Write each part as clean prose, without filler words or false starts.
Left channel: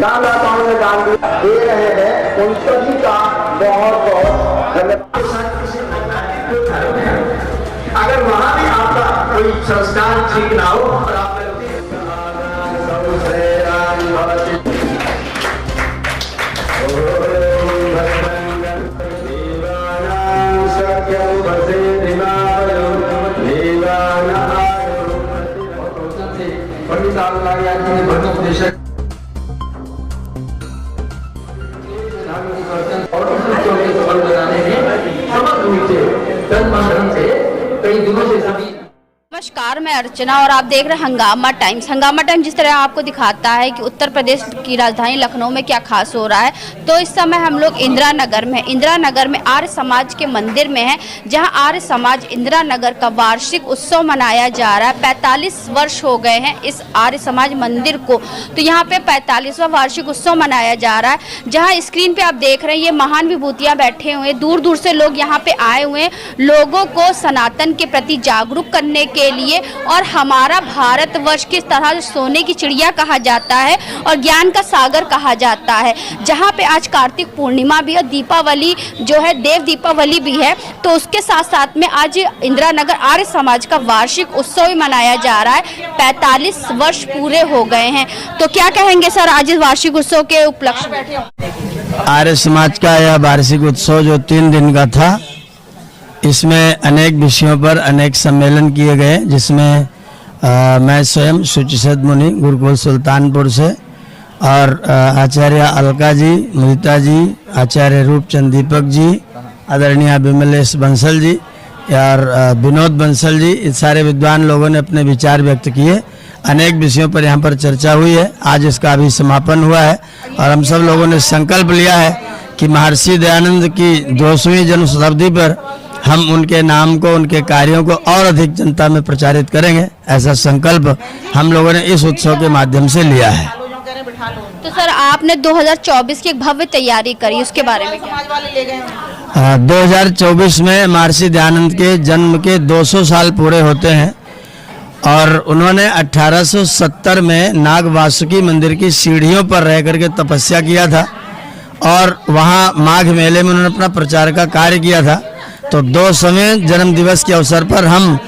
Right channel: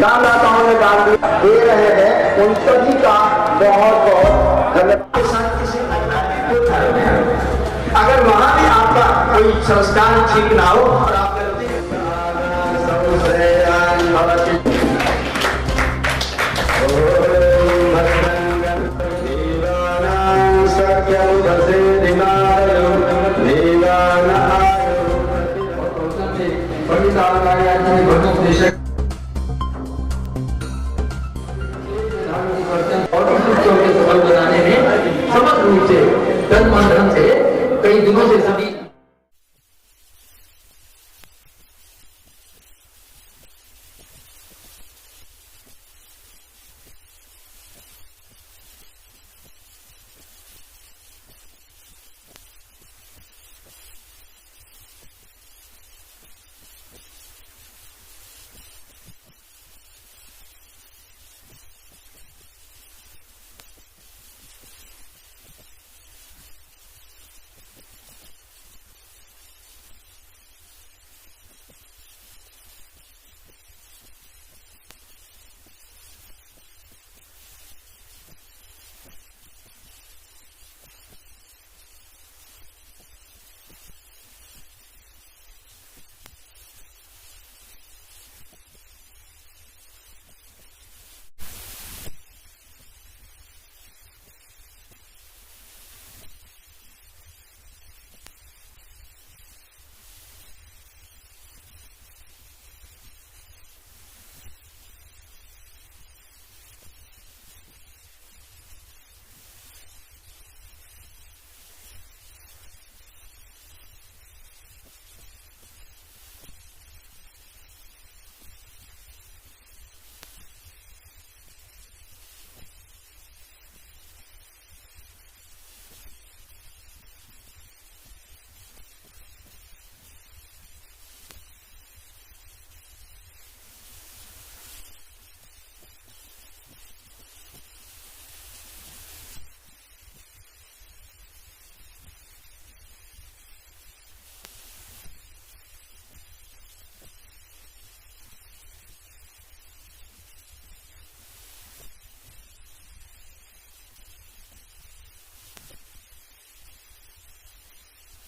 दानदाताओं ने दान दे रहे हैं, उन सभी का बहुत बहुत धन्यवाद। अगर वहां भी आपका कोई संस्कार ठीक ना हो और आप नमस्कार, मैं अर्चना और आप देख रहे हैं हंगामा टाइम्स। हंगामा टाइम्स जिस तरह आपको दिखाता है कि उत्तर प्रदेश की राजधानी लखनऊ में क्या खास हो रहा है, तो इस समय हम लोग इंदिरा नगर में आर्य समाज के मंदिर में हैं, जहां आर्य समाज इंदिरा नगर का वार्षिक उत्सव मनाया जा रहा है। 45 वर्ष हो गए हैं इस आर्य समाज मंदिर को, तो यहाँ पे 45वां वार्षिक उत्सव मनाया जा रहा है। जहाँ स्क्रीन पे आप देख रहे हैं ये महान विभूतियाँ बैठे हुए हैं, दूर दूर से लोग यहाँ पे आए हुए हैं लोगों को सनातन के प्रति जागरूक करने के लिए। और हमारा भारतवर्ष किस तरह सोने की चिड़िया कहा जाता है और ज्ञान का सागर कहा जाता है, जहाँ पे आज कार्तिक पूर्णिमा भी और दीपावली जो है देव दीपावली भी है, तो उसके साथ साथ में आज इंदिरा नगर आर्य समाज का वार्षिक उत्सव भी मनाया जा रहा है। 45 वर्ष पूरे हो गए हैं, तो क्या कहेंगे सर आज इस वार्षिक उत्सव के उपलक्ष्य में? आर्य समाज का यह वार्षिक उत्सव जो 3 दिन का था, इसमें अनेक विषयों पर अनेक सम्मेलन किए गए, जिसमें मैं स्वयं सुचिसद मुनि गुरुकुल सुल्तानपुर से और आचार्य अलका जी, मुदिता जी, आचार्य रूपचंद दीपक जी, आदरणीय विमलेश बंसल जी और विनोद बंसल जी, इस सारे विद्वान लोगों ने अपने विचार व्यक्त किए। अनेक विषयों पर यहाँ पर चर्चा हुई है। आज इसका अभी समापन हुआ है और हम सब लोगों ने संकल्प लिया है कि महर्षि दयानंद की 200वीं जन्म शताब्दी पर हम उनके नाम को, उनके कार्यों को और अधिक जनता में प्रचारित करेंगे। ऐसा संकल्प हम लोगों ने इस उत्सव के माध्यम से लिया है। तो सर आपने 2024 की एक भव्य तैयारी करी, उसके बारे में क्या? 2024 में महर्षि दयानंद के जन्म के 200 साल पूरे होते हैं और उन्होंने 1870 में नाग वासुकी मंदिर की सीढ़ियों पर रह करके तपस्या किया था और वहाँ माघ मेले में उन्होंने अपना प्रचार का कार्य किया था। तो 200वें जन्म दिवस के अवसर पर हम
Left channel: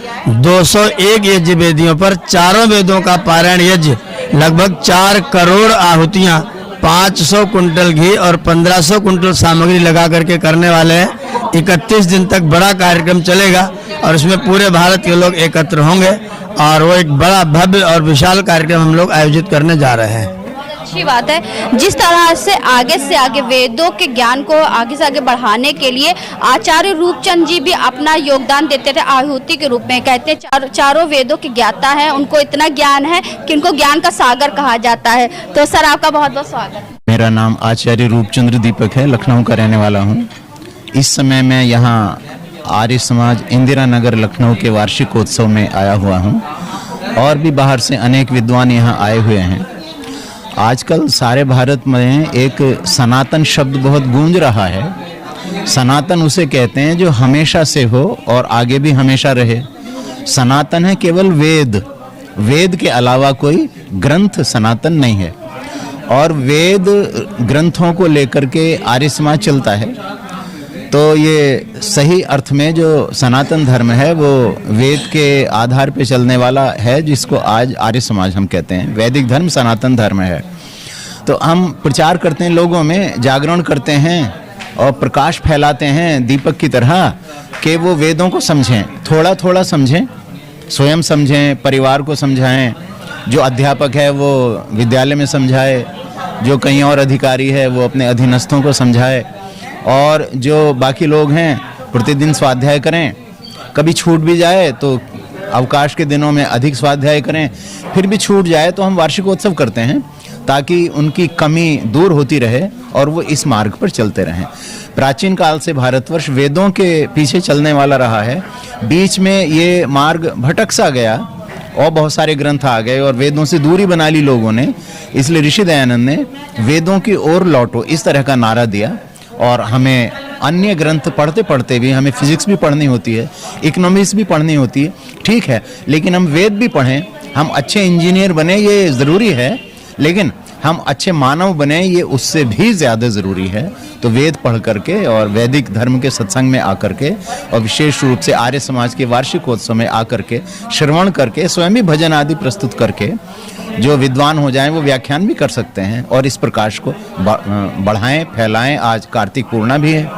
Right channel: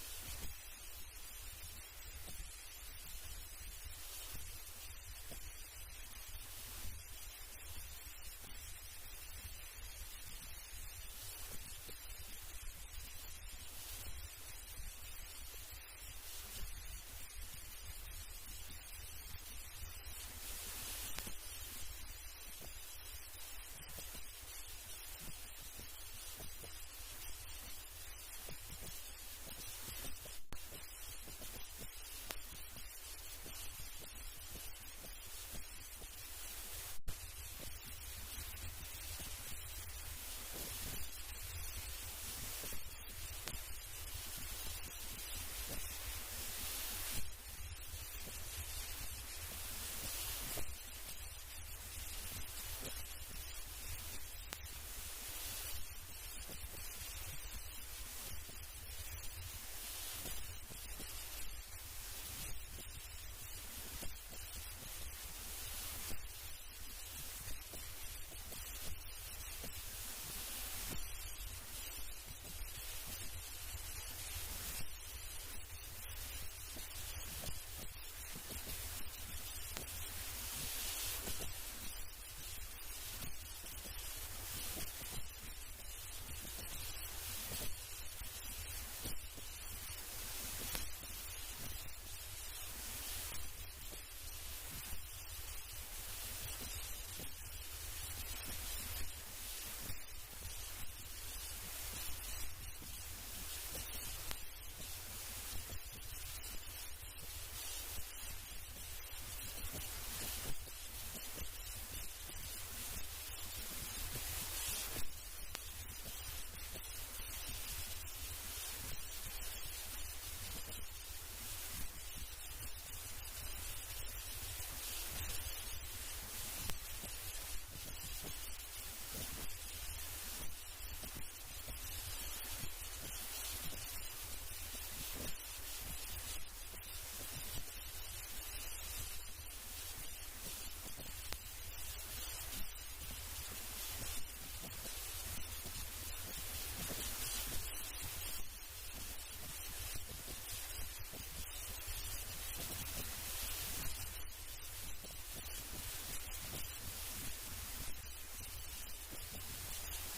201 यज्ञ वेदियों पर चारों वेदों का पारायण यज्ञ, लगभग 4 करोड़ आहुतियाँ, 500 कुंटल घी और 1500 कुंटल सामग्री लगा करके करने वाले हैं। 31 दिन तक बड़ा कार्यक्रम चलेगा और इसमें पूरे भारत के लोग एकत्र होंगे और वो एक बड़ा भव्य और विशाल कार्यक्रम हम लोग आयोजित करने जा रहे हैं। अच्छी बात है। जिस तरह से आगे वेदों के ज्ञान को आगे से आगे बढ़ाने के लिए आचार्य रूपचंद जी भी अपना योगदान देते थे आहुति के रूप में। कहते हैं चारों वेदों के ज्ञाता हैं, उनको इतना ज्ञान है कि उनको ज्ञान का सागर कहा जाता है। तो सर आपका बहुत बहुत स्वागत। मेरा नाम आचार्य रूपचंद्र दीपक है, लखनऊ का रहने वाला हूँ। इस समय मैं यहाँ आर्य समाज इंदिरा नगर लखनऊ के वार्षिकोत्सव में आया हुआ हूँ और भी बाहर से अनेक विद्वान यहाँ आए हुए हैं। आजकल सारे भारत में एक सनातन शब्द बहुत गूंज रहा है। सनातन उसे कहते हैं जो हमेशा से हो और आगे भी हमेशा रहे। सनातन है केवल वेद, वेद के अलावा कोई ग्रंथ सनातन नहीं है और वेद ग्रंथों को लेकर के आर्य समाज चलता है। तो ये सही अर्थ में जो सनातन धर्म है वो वेद के आधार पे चलने वाला है, जिसको आज आर्य समाज हम कहते हैं। वैदिक धर्म सनातन धर्म है। तो हम प्रचार करते हैं, लोगों में जागरण करते हैं और प्रकाश फैलाते हैं दीपक की तरह कि वो वेदों को समझें, थोड़ा थोड़ा समझें, स्वयं समझें, परिवार को समझाएं। जो अध्यापक है वो विद्यालय में समझाए, जो कहीं और अधिकारी है वो अपने अधीनस्थों को समझाए और जो बाकी लोग हैं प्रतिदिन स्वाध्याय करें। कभी छूट भी जाए तो अवकाश के दिनों में अधिक स्वाध्याय करें, फिर भी छूट जाए तो हम वार्षिकोत्सव करते हैं ताकि उनकी कमी दूर होती रहे और वो इस मार्ग पर चलते रहें। प्राचीन काल से भारतवर्ष वेदों के पीछे चलने वाला रहा है। बीच में ये मार्ग भटक सा गया और बहुत सारे ग्रंथ आ गए और वेदों से दूरी बना ली लोगों ने। इसलिए ऋषि दयानंद ने वेदों की ओर लौटो इस तरह का नारा दिया। और हमें अन्य ग्रंथ पढ़ते पढ़ते भी हमें फिजिक्स भी पढ़नी होती है, इकोनॉमिक्स भी पढ़नी होती है, ठीक है, लेकिन हम वेद भी पढ़ें, हम अच्छे इंजीनियर बने, ये ज़रूरी है। लेकिन हम अच्छे मानव बने, ये उससे भी ज़्यादा ज़रूरी है। तो वेद पढ़ करके और वैदिक धर्म के सत्संग में आकर के और विशेष रूप से आर्य समाज के वार्षिकोत्सव में आकर के श्रवण करके स्वयं भी भजन आदि प्रस्तुत करके जो विद्वान हो जाएं वो व्याख्यान भी कर सकते हैं और इस प्रकाश को बढ़ाएं, फैलाएं। आज कार्तिक पूर्णिमा भी है,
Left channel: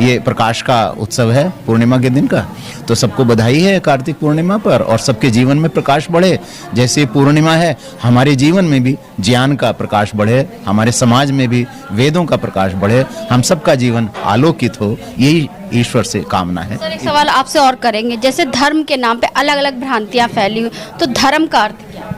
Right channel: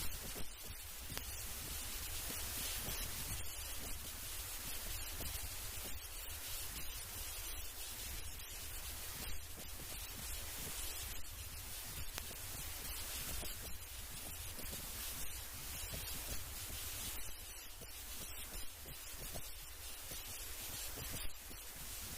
ये प्रकाश का उत्सव है पूर्णिमा के दिन का, तो सबको बधाई है कार्तिक पूर्णिमा पर और सबके जीवन में प्रकाश बढ़े। जैसे पूर्णिमा है, हमारे जीवन में भी ज्ञान का प्रकाश बढ़े, हमारे समाज में भी वेदों का प्रकाश बढ़े, हम सबका जीवन आलोकित हो, यही ईश्वर से कामना है। सर, एक सवाल आपसे और करेंगे, जैसे धर्म के नाम पे अलग अलग भ्रांतियां फैली हुई, तो धर्म का अर्थ क्या है?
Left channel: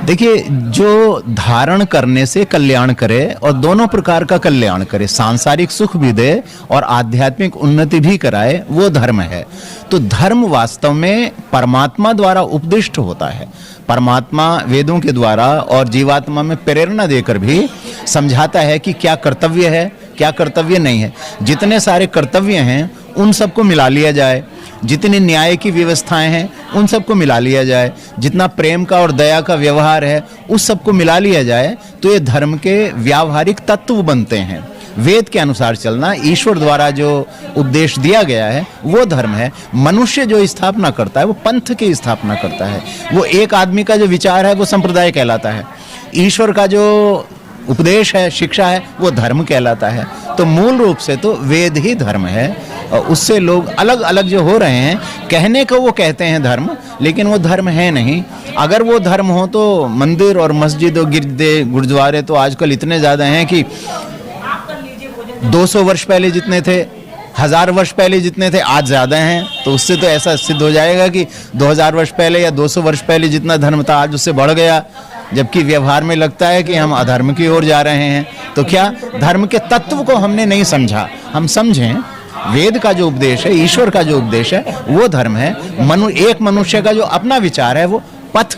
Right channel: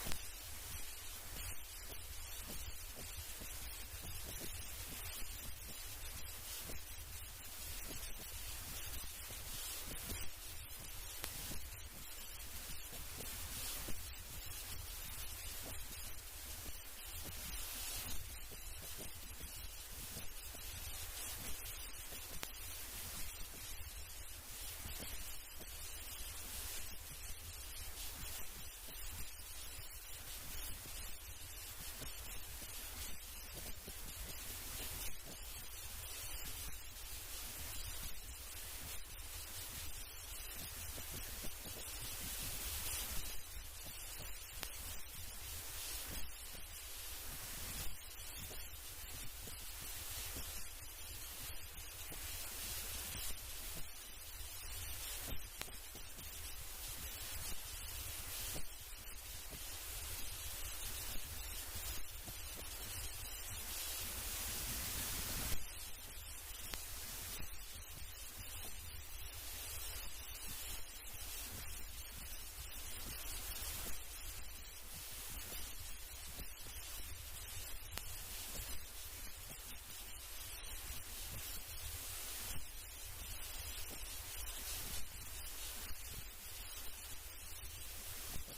देखिए, जो धारण करने से कल्याण करे और दोनों प्रकार का कल्याण करे, सांसारिक सुख भी दे और आध्यात्मिक उन्नति भी कराए, वो धर्म है। तो धर्म वास्तव में परमात्मा द्वारा उपदिष्ट होता है। परमात्मा वेदों के द्वारा और जीवात्मा में प्रेरणा देकर भी समझाता है कि क्या कर्तव्य है, क्या कर्तव्य नहीं है। जितने सारे कर्तव्य हैं उन सबको मिला लिया जाए, जितनी न्याय की व्यवस्थाएं हैं उन सबको मिला लिया जाए, जितना प्रेम का और दया का व्यवहार है उस सबको मिला लिया जाए, तो ये धर्म के व्यावहारिक तत्व बनते हैं। वेद के अनुसार चलना, ईश्वर द्वारा जो उपदेश दिया गया है वो धर्म है। मनुष्य जो स्थापना करता है वो पंथ की स्थापना करता है। वो एक आदमी का जो विचार है वो संप्रदाय कहलाता है। ईश्वर का जो उपदेश है, शिक्षा है, वो धर्म कहलाता है। तो मूल रूप से तो वेद ही धर्म है और उससे लोग अलग अलग जो हो रहे हैं, कहने को वो कहते हैं धर्म, लेकिन वो धर्म है नहीं। अगर वो धर्म हो तो मंदिर और मस्जिद और गिरदे गुरुद्वारे तो आजकल इतने ज़्यादा हैं कि 200 वर्ष पहले जितने थे, 1000 वर्ष पहले जितने थे, आज ज़्यादा हैं। तो उससे तो ऐसा सिद्ध हो जाएगा कि 2000 वर्ष पहले या 200 वर्ष पहले जितना धर्म था आज उससे बढ़ गया, जबकि व्यवहार में लगता है कि हम अधर्म की ओर जा रहे हैं। तो क्या धर्म के तत्व को हमने नहीं समझा? हम समझें, वेद का जो उपदेश है, ईश्वर का जो उपदेश है, वो धर्म है। एक मनुष्य का जो अपना विचार है वो पथ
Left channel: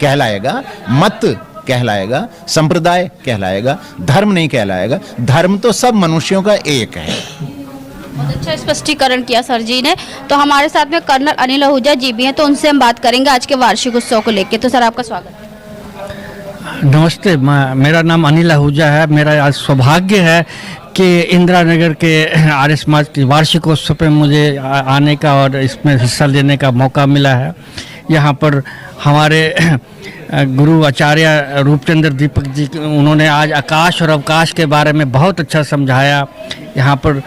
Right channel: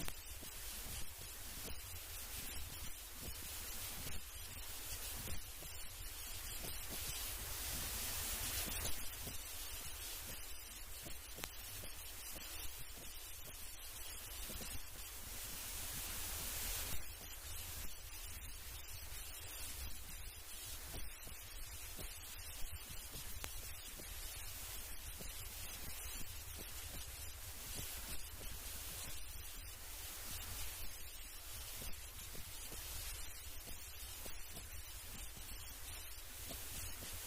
कहलाएगा, मत कहलाएगा, संप्रदाय कहलाएगा, धर्म नहीं कहलाएगा। धर्म तो सब मनुष्यों का एक है। बहुत अच्छा स्पष्टीकरण किया सर जी ने। तो हमारे साथ में कर्नल अनिल आहूजा जी भी हैं, तो उनसे हम बात करेंगे आज के वार्षिक उत्सव को लेकर। तो सर, आपका स्वागत है। नमस्ते, मेरा नाम अनिल आहूजा है। मेरा आज सौभाग्य है कि इंदिरा नगर के आर्य समाज के वार्षिकोत्सव पे मुझे आने का और इसमें हिस्सा लेने का मौका मिला है। यहाँ पर हमारे गुरु आचार्य रूपचंद्र दीपक जी, उन्होंने आज आकाश और अवकाश के बारे में बहुत अच्छा समझाया। यहाँ पर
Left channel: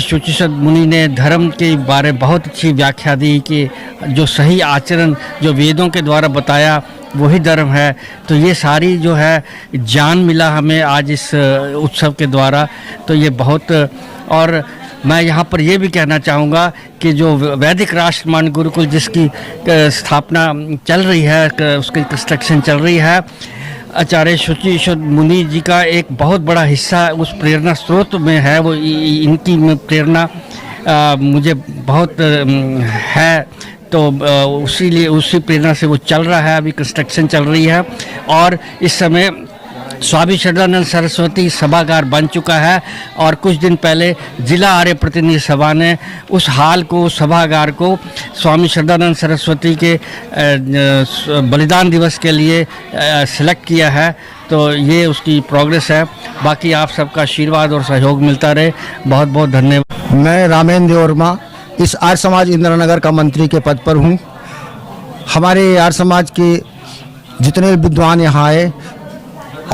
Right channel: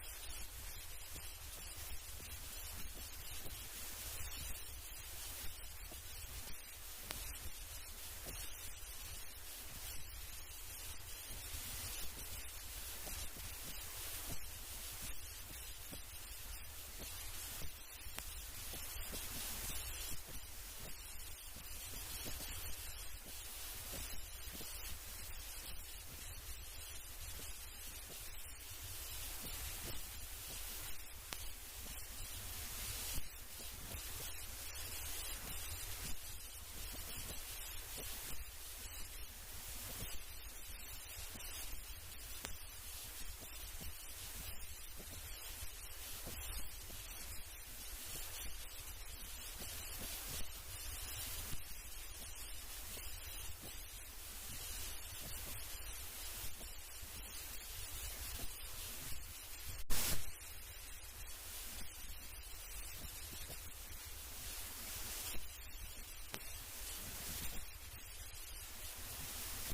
शुचिसद मुनि ने धर्म के बारे में बहुत अच्छी व्याख्या दी कि जो सही आचरण जो वेदों के द्वारा बताया वही धर्म है। तो ये सारी जो है ज्ञान मिला हमें आज इस उत्सव के द्वारा, तो ये बहुत। और मैं यहाँ पर ये भी कहना चाहूँगा कि जो वैदिक राष्ट्रमान गुरुकुल जिसकी स्थापना चल रही है, उसकी कंस्ट्रक्शन चल रही है, आचार्य शुचिसद मुनि जी का एक बहुत बड़ा हिस्सा उस प्रेरणा स्रोत में है। वो इनकी प्रेरणा मुझे बहुत है, तो उसी प्रेरणा से वो चल रहा है। अभी कंस्ट्रक्शन चल रही है और इस समय स्वामी श्रद्धानंद सरस्वती सभागार बन चुका है और कुछ दिन पहले जिला आर्य प्रतिनिधि सभा ने उस हाल को, सभागार को स्वामी श्रद्धानंद सरस्वती के बलिदान दिवस के लिए सिलेक्ट किया है। तो ये उसकी प्रोग्रेस है। बाकी आप सबका आशीर्वाद और सहयोग मिलता रहे। बहुत बहुत धन्यवाद। मैं रामेंद्र वर्मा इस आर्य समाज इंदिरा नगर का मंत्री के पद पर हूँ। हमारे आर्य समाज के जितने विद्वान यहाँ आए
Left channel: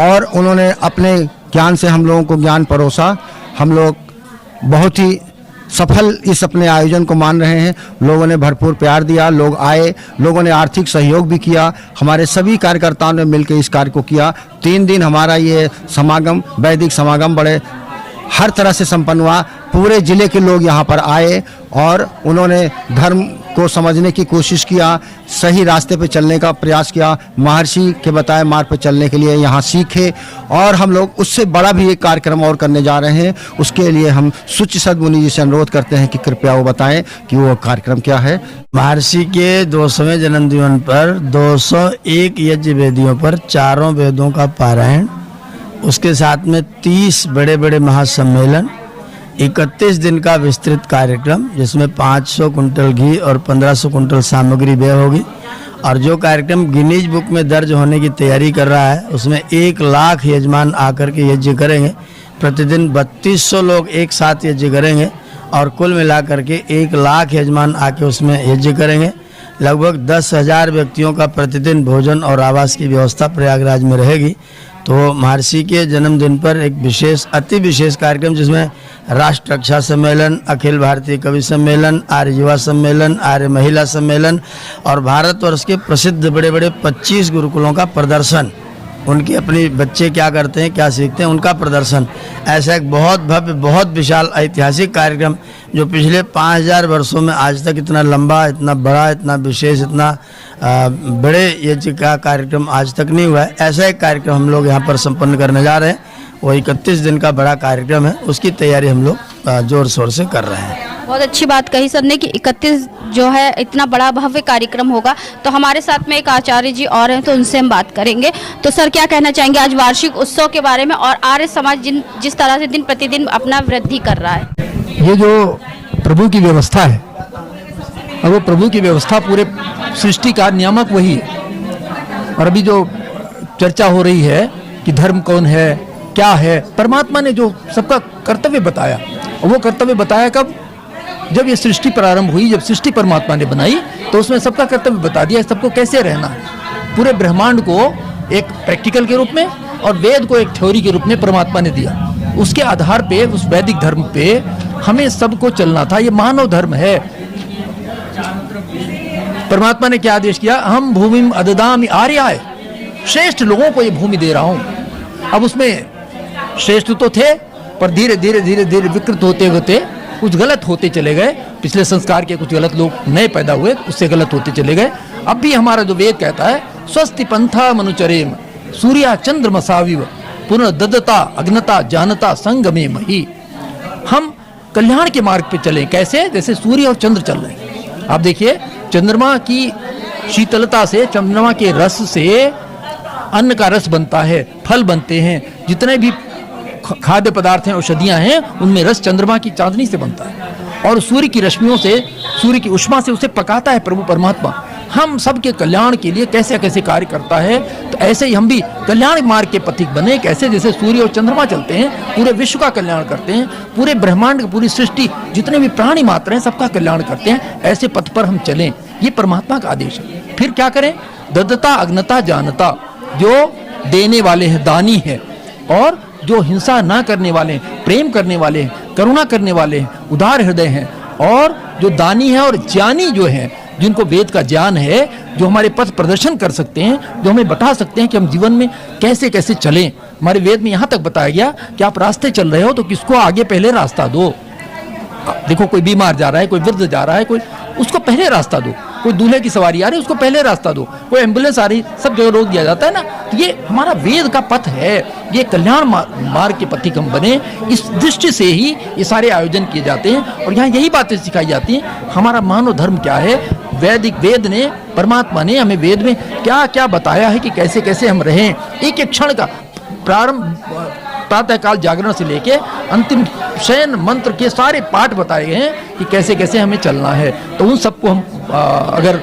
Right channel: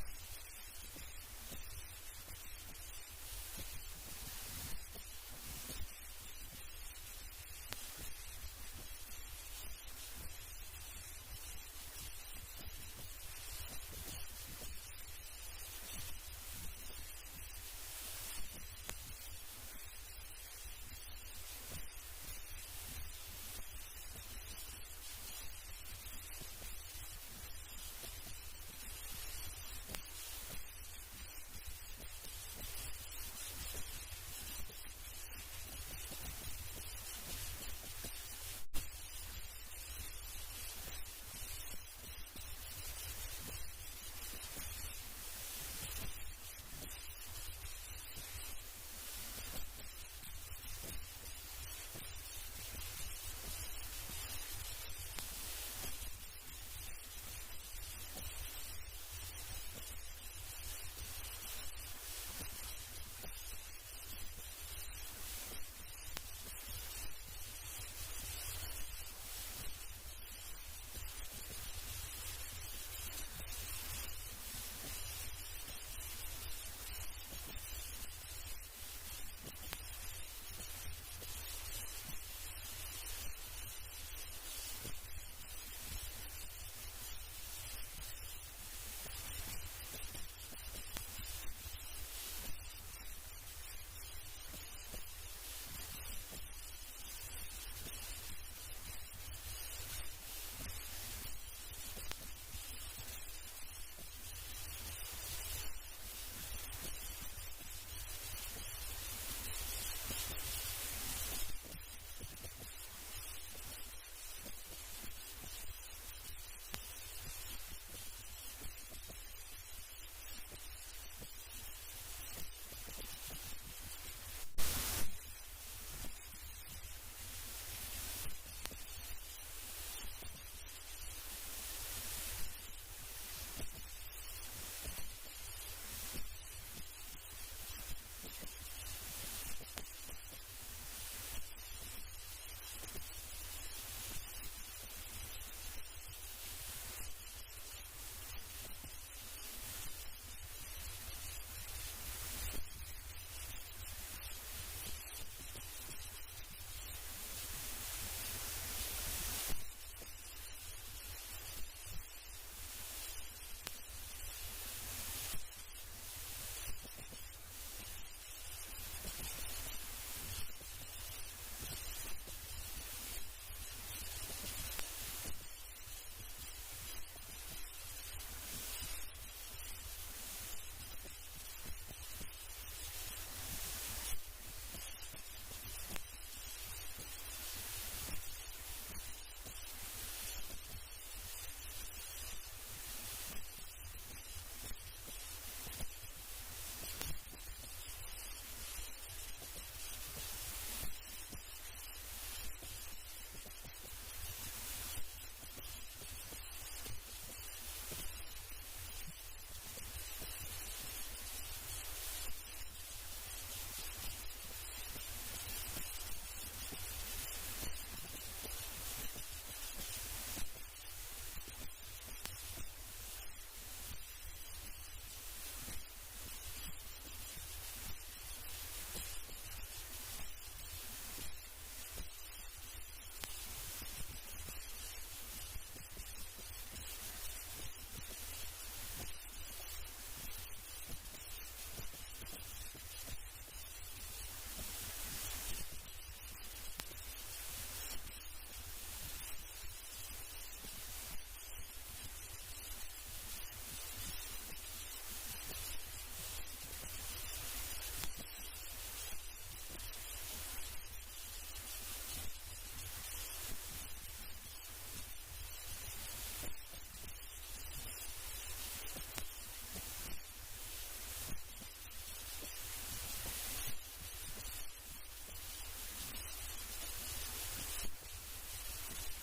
और उन्होंने अपने ज्ञान से हम लोगों को ज्ञान परोसा। हम लोग बहुत ही सफल इस अपने आयोजन को मान रहे हैं। लोगों ने भरपूर प्यार दिया, लोग आए, लोगों ने आर्थिक सहयोग भी किया। हमारे सभी कार्यकर्ताओं ने मिलकर इस कार्य को किया। 3 दिन हमारा ये समागम, वैदिक समागम बड़े हर तरह से संपन्न हुआ। पूरे जिले के लोग यहाँ पर आए और उन्होंने धर्म को समझने की कोशिश किया, सही रास्ते पे चलने का प्रयास किया, महर्षि के बताए मार्ग पे चलने के लिए यहाँ सीखे। और हम लोग उससे बड़ा भी एक कार्यक्रम और करने जा रहे हैं। उसके लिए हम शुचिसद मुनि जी से अनुरोध करते हैं कि कृपया वो बताएं कि वो कार्यक्रम क्या है। महर्षि के 200वें जन्मदिन पर 201 यज्ञ वेदियों पर 4 वेदों का पारायण, उसके साथ में 30 बड़े बड़े महासम्मेलन, 31 दिन का विस्तृत कार्यक्रम जिसमें 500 कुंटल घी और 1500 कुंटल सामग्री व्यय होगी और जो कार्यक्रम गिनीज बुक में दर्ज होने की तैयारी कर रहा है उसमें 1 लाख यजमान आकर के यज्ञ करेंगे। प्रतिदिन 3200 लोग एक साथ यज्ञ करेंगे और कुल मिलाकर के 1 लाख यजमान आके उसमें यज्ञ करेंगे। लगभग 10,000 व्यक्तियों का प्रतिदिन भोजन और आवास की व्यवस्था प्रयागराज में रहेगी। तो महर्षि के जन्मदिन पर एक विशेष अति विशेष कार्यक्रम जिसमें राष्ट्र रक्षा सम्मेलन, अखिल भारतीय कवि सम्मेलन, आर्य युवा सम्मेलन, आर्य महिला सम्मेलन और भारतवर्ष के प्रसिद्ध बड़े बड़े 25 गुरुकुलों का प्रदर्शन, उनके अपने बच्चे क्या करते हैं, क्या सीखते हैं, उनका प्रदर्शन, ऐसा एक बहुत भव्य, बहुत विशाल ऐतिहासिक कार्यक्रम जो पिछले 5000 वर्षों में आज तक इतना लंबा, इतना बड़ा, इतना विशेष, इतना बड़े यज्ञ का कार्यक्रम आज तक नहीं हुआ है। ऐसा एक कार्यक्रम हम लोग यहाँ पर संपन्न करने जा रहे हैं। वो 31 दिन का बड़ा कार्यक्रम है, उसकी तैयारी हम लोग जोर शोर से कर रहे हैं। बहुत अच्छी बात कही सर ने कि 31 जो है इतना बड़ा भव्य कार्यक्रम होगा। तो हमारे साथ में एक आचार्य जी और हैं, तो उनसे हम बात करेंगे। तो सर क्या कहना चाहेंगे आज वार्षिक उत्सव के बारे में और आर्य समाज जिस तरह से दिन प्रतिदिन अपना वृद्धि कर रहा है? ये जो प्रभु की व्यवस्था है और वो प्रभु की व्यवस्था पूरे सृष्टि का नियामक वही है। और अभी जो चर्चा हो रही है कि धर्म कौन है, क्या है, परमात्मा ने जो सबका कर्तव्य बताया, और वो कर्तव्य बताया कब? जब ये सृष्टि प्रारंभ हुई, जब सृष्टि परमात्मा ने बनाई तो उसमें सबका कर्तव्य बता दिया, सबको कैसे रहना है। पूरे ब्रह्मांड को एक प्रैक्टिकल के रूप में और वेद को एक थ्योरी के रूप में परमात्मा ने दिया। उसके आधार पे, उस वैदिक धर्म पे हमें सबको चलना था। ये मानव धर्म है। परमात्मा ने क्या आदेश किया? हम भूमिम अददामि आर्याय, श्रेष्ठ लोगों को ये भूमि दे रहा हूं। अब उसमें श्रेष्ठ तो थे, पर धीरे धीरे धीरे धीरे विकृत होते होते कुछ गलत होते चले गए। पिछले संस्कार के कुछ गलत लोग नए पैदा हुए, उससे गलत होते चले गए। अब भी हमारा जो वेद कहता है, स्वस्ति पंथा मनुचरेम सूर्या चंद्रमसाविव पुनर्ददता अग्नता जानता संगमे मही। हम कल्याण के मार्ग पे चलें। कैसे? जैसे सूर्य और चंद्र चल रहे हैं। आप देखिए, चंद्रमा की शीतलता से, चंद्रमा के रस से अन्न का रस बनता है, फल बनते हैं, जितने भी खाद्य पदार्थ हैं, औषधियां हैं, उनमें रस चंद्रमा की चांदनी से बनता है। और सूर्य की रश्मियों से, सूर्य की उष्मा से उसे पकाता है प्रभु परमात्मा। हम सबके कल्याण के लिए कैसे कैसे कार्य करता है, तो ऐसे ही हम भी कल्याण मार्ग के पथिक बने। कैसे? जैसे सूर्य और चंद्रमा चलते हैं, पूरे विश्व का कल्याण करते हैं, पूरे ब्रह्मांड, पूरी सृष्टि, जितने भी प्राणी मात्र हैं, सबका कल्याण करते हैं। ऐसे पथ पर हम चलें, ये परमात्मा का आदेश है। फिर क्या करें? ददता अग्नता जानता, जो देने वाले हैं, दानी है, और जो हिंसा ना करने वाले हैं, प्रेम करने वाले हैं, करुणा करने वाले हैं, उदार हृदय हैं, और जो दानी है और ज्ञानी जो हैं, जिनको वेद का ज्ञान है, जो हमारे पथ प्रदर्शन कर सकते हैं, जो हमें बता सकते हैं कि हम जीवन में कैसे कैसे चलें। हमारे वेद में यहाँ तक बताया गया कि आप रास्ते चल रहे हो तो किसको आगे पहले रास्ता दो। देखो, कोई बीमार जा रहा है, कोई वृद्ध जा रहा है, कोई, उसको पहले रास्ता दो। कोई दूल्हे की सवारी आ रही है, उसको पहले रास्ता दो। कोई एम्बुलेंस आ रही, सब जगह रोक दिया जाता है ना। तो ये हमारा वेद का पथ है। ये कल्याण मार्ग के पथिक हम बने, इस दृष्टि से ही ये सारे आयोजन किए जाते हैं। और यहाँ यही बातें सिखाई जाती हैं। हमारा मानव धर्म क्या है? वैदिक वेद ने, परमात्मा ने हमें वेद में क्या क्या बताया है कि कैसे कैसे हम रहें। एक एक क्षण का प्रारंभ, प्रातःकाल जागरण से लेके अंतिम शयन मंत्र के सारे पाठ बताए गए हैं कि कैसे कैसे हमें चलना है। तो उन सबको हम अगर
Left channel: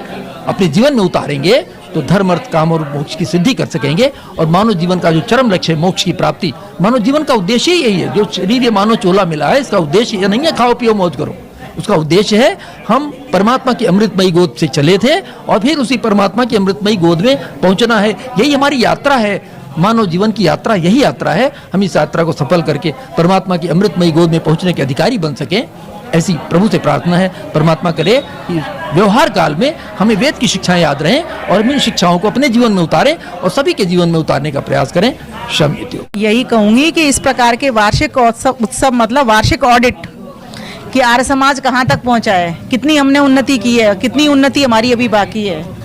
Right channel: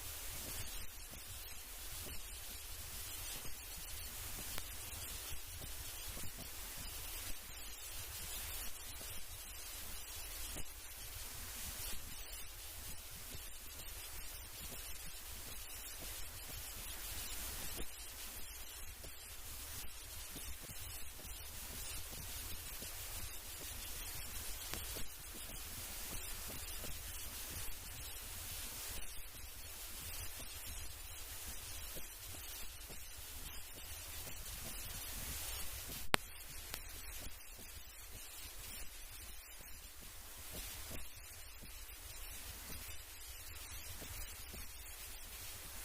अपने जीवन में उतारेंगे तो धर्म, अर्थ, काम और मोक्ष की सिद्धि कर सकेंगे। और मानव जीवन का जो चरम लक्ष्य है, मोक्ष की प्राप्ति, मानव जीवन का उद्देश्य ही यही है। जो शरीर ये मानव चोला मिला है, इसका उद्देश्य ये नहीं है खाओ पियो मौज करो। उसका उद्देश्य है हम परमात्मा की अमृतमयी गोद से चले थे और फिर उसी परमात्मा की अमृतमयी गोद में पहुंचना है। यही हमारी यात्रा है, मानव जीवन की यात्रा, यही यात्रा है। हम इस यात्रा को सफल करके परमात्मा की अमृतमयी गोद में पहुंचने के अधिकारी बन सकें, ऐसी प्रभु से प्रार्थना है। परमात्मा करे कि व्यवहार काल में हमें वेद की शिक्षाएं याद रहें और इन शिक्षाओं को अपने जीवन में उतारें और सभी के जीवन में उतारने का प्रयास करें। शम्यतु। यही कहूंगी कि इस प्रकार के वार्षिक उत्सव मतलब वार्षिक ऑडिट कि आर्य समाज कहाँ तक पहुँचा है, कितनी हमने उन्नति की है, कितनी उन्नति हमारी अभी बाकी है।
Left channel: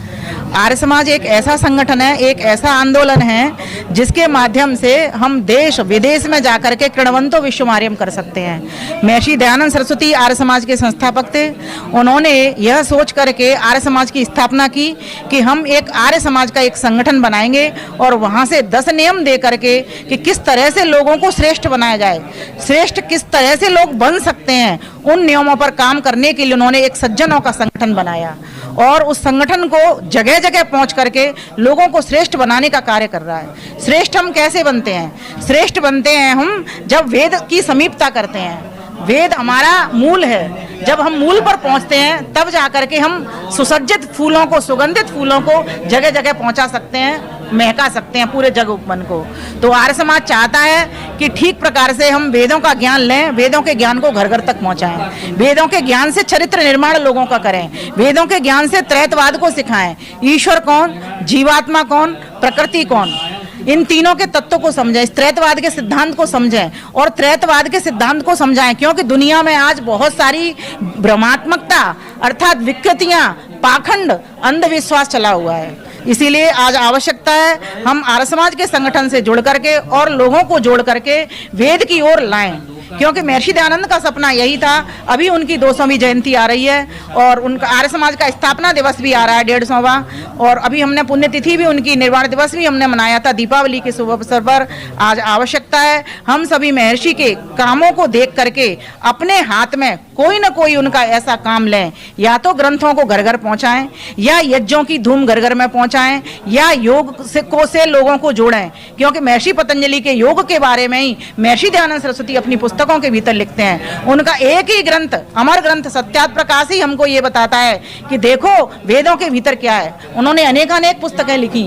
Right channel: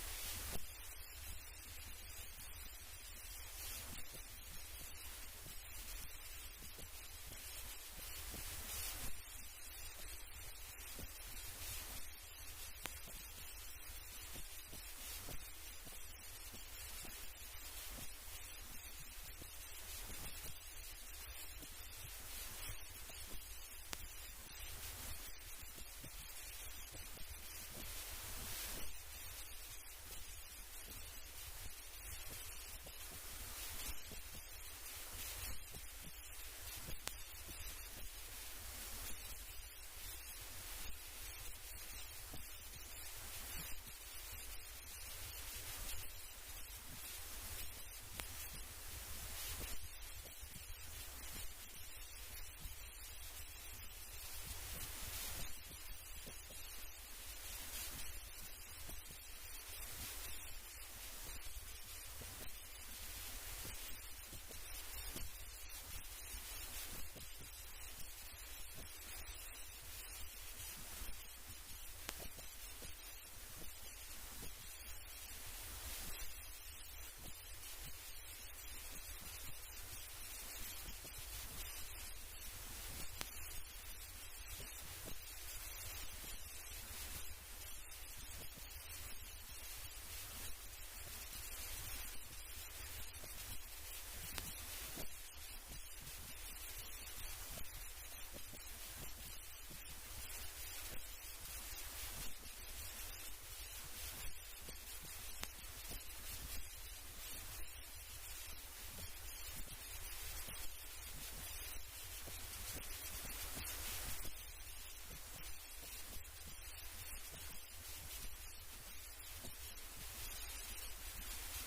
आर्य समाज एक ऐसा संगठन है, एक ऐसा आंदोलन है जिसके माध्यम से हम देश विदेश में जाकर के किण्वंतो विश्वमार्यम कर सकते हैं। महर्षि दयानंद सरस्वती आर्य समाज के संस्थापक थे। उन्होंने यह सोच करके आर्य समाज की स्थापना की कि हम एक आर्य समाज का एक संगठन बनाएंगे और वहाँ से 10 नियम दे करके कि किस तरह से लोगों को श्रेष्ठ बनाया जाए, श्रेष्ठ किस तरह से लोग बन सकते हैं, उन नियमों पर काम करने के लिए उन्होंने एक सज्जनों का संगठन बनाया। और उस संगठन को जगह जगह पहुंच करके लोगों को श्रेष्ठ बनाने का कार्य कर रहा है। श्रेष्ठ हम कैसे बनते हैं? श्रेष्ठ बनते हैं हम जब वेद की समीपता करते हैं। वेद हमारा मूल है। जब हम मूल पर पहुंचते हैं तब जाकर के हम सुसज्जित फूलों को, सुगंधित फूलों को जगह जगह पहुंचा सकते हैं, महका सकते हैं पूरे जग उपवन को। तो आर्य समाज चाहता है कि ठीक प्रकार से हम वेदों का ज्ञान लें, वेदों के ज्ञान को घर घर तक पहुंचाएं, वेदों के ज्ञान से चरित्र निर्माण लोगों का करें, वेदों के ज्ञान से त्रैतवाद को सिखाएं। ईश्वर कौन, जीवात्मा कौन, प्रकृति कौन, इन तीनों के तत्वों को समझें, इस त्रैतवाद के सिद्धांत को समझें और त्रैतवाद के सिद्धांत को समझाएं। क्योंकि दुनिया में आज बहुत सारी भ्रमात्मकता अर्थात विकृतियां, पाखंड, अंधविश्वास चला हुआ है। इसीलिए आज आवश्यकता है हम आर्य समाज के संगठन से जुड़ करके और लोगों को जोड़ करके वेद की ओर लाएं। क्योंकि महर्षि दयानंद का सपना यही था। अभी उनकी 200वीं जयंती आ रही है और उनका आर्य समाज का स्थापना दिवस भी आ रहा है 150वां, और अभी हमने पुण्यतिथि भी उनकी, निर्वाण दिवस भी हमने मनाया था दीपावली के शुभ अवसर पर। आज आवश्यकता है हम सभी महर्षि के कामों को देख करके अपने हाथ में कोई न कोई उनका ऐसा काम लें, या तो ग्रंथों को घर घर पहुंचाएं, या यज्ञों की धूम घर घर में पहुंचाएं, या योग से लोगों को जोड़ें। क्योंकि महर्षि पतंजलि के योग के बारे में ही महर्षि दयानंद सरस्वती अपनी पुस्तकों के भीतर लिखते हैं। उनका एक ही ग्रंथ, अमर ग्रंथ सत्यार्थ प्रकाश ही हमको ये बताता है कि देखो वेदों के भीतर क्या है। उन्होंने अनेकानेक पुस्तकें लिखी,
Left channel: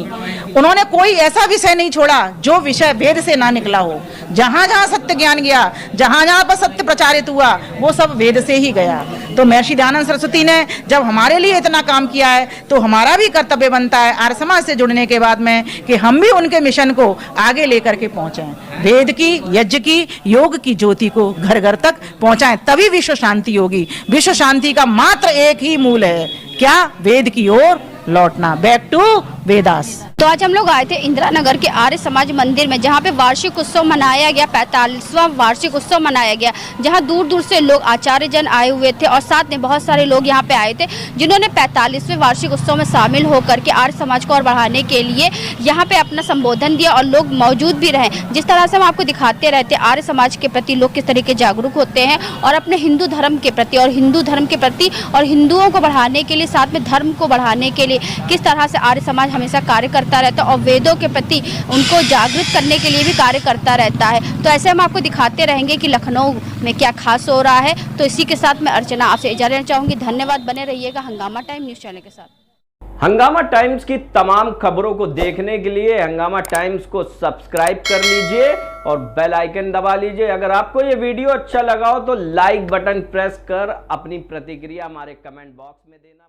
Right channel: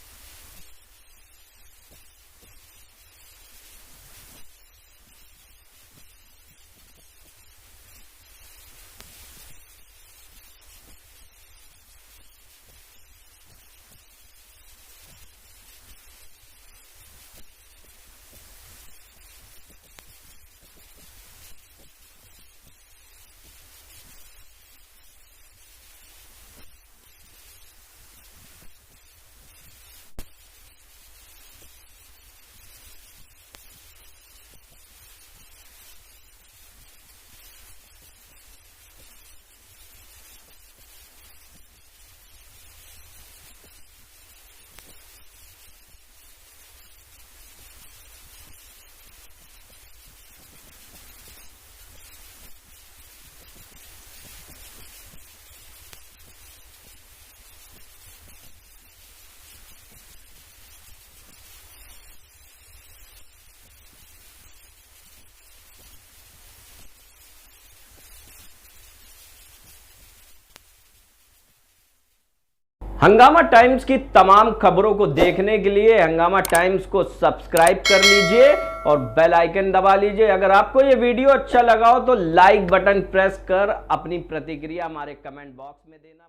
उन्होंने कोई ऐसा विषय नहीं छोड़ा जो विषय वेद से ना निकला हो। जहां जहां सत्य ज्ञान गया, जहां जहां पर सत्य प्रचारित हुआ, वो सब वेद से ही गया। तो महर्षि दयानंद सरस्वती ने जब हमारे लिए इतना काम किया है तो हमारा भी कर्तव्य बनता है आर्य समाज से जुड़ने के बाद में कि हम भी उनके मिशन को आगे लेकर के पहुंचे, वेद की, यज्ञ की, योग की ज्योति को घर घर तक पहुंचाएं, तभी विश्व शांति होगी। विश्व शांति का मात्र एक ही मूल है, क्या? वेद की ओर लौटना, बैक टू वेदास। तो आज हम लोग आए थे इंदिरा नगर के आर्य समाज मंदिर में, जहाँ पे वार्षिक उत्सव मनाया गया, 45वां वार्षिक उत्सव मनाया गया, जहाँ दूर दूर से लोग, आचार्य जन आए हुए थे और साथ में बहुत सारे लोग यहाँ पे आए थे जिन्होंने 45वें वार्षिक उत्सव में शामिल होकर के आर्य समाज को और बढ़ाने के लिए यहाँ पे अपना संबोधन दिया और लोग मौजूद भी रहे। जिस तरह से हम आपको दिखाते रहते हैं आर्य समाज के प्रति लोग किस तरीके जागरूक होते हैं और अपने हिंदू धर्म के प्रति और हिंदू धर्म के प्रति और हिंदुओं को बढ़ाने के लिए, साथ में धर्म को बढ़ाने के लिए किस तरह से आर्य समाज हमेशा कार्य करता रहता है और वेदों के प्रति उनको जागृत करने के लिए भी कार्य करता रहता है। तो ऐसे हम आपको दिखाते रहेंगे कि लखनऊ में क्या खास हो रहा है। तो इसी के साथ मैं अर्चना आपसे इजाजत लेना चाहूंगी। धन्यवाद, बने रहिएगा हंगामा टाइम न्यूज चैनल के साथ। हंगामा टाइम्स की तमाम खबरों को देखने के लिए हंगामा टाइम्स को सब्सक्राइब कर लीजिए और बेल आइकन दबा लीजिए। अगर आपको ये वीडियो अच्छा लगा हो तो लाइक बटन प्रेस कर अपनी प्रतिक्रिया हमारे कमेंट बॉक्स में देना।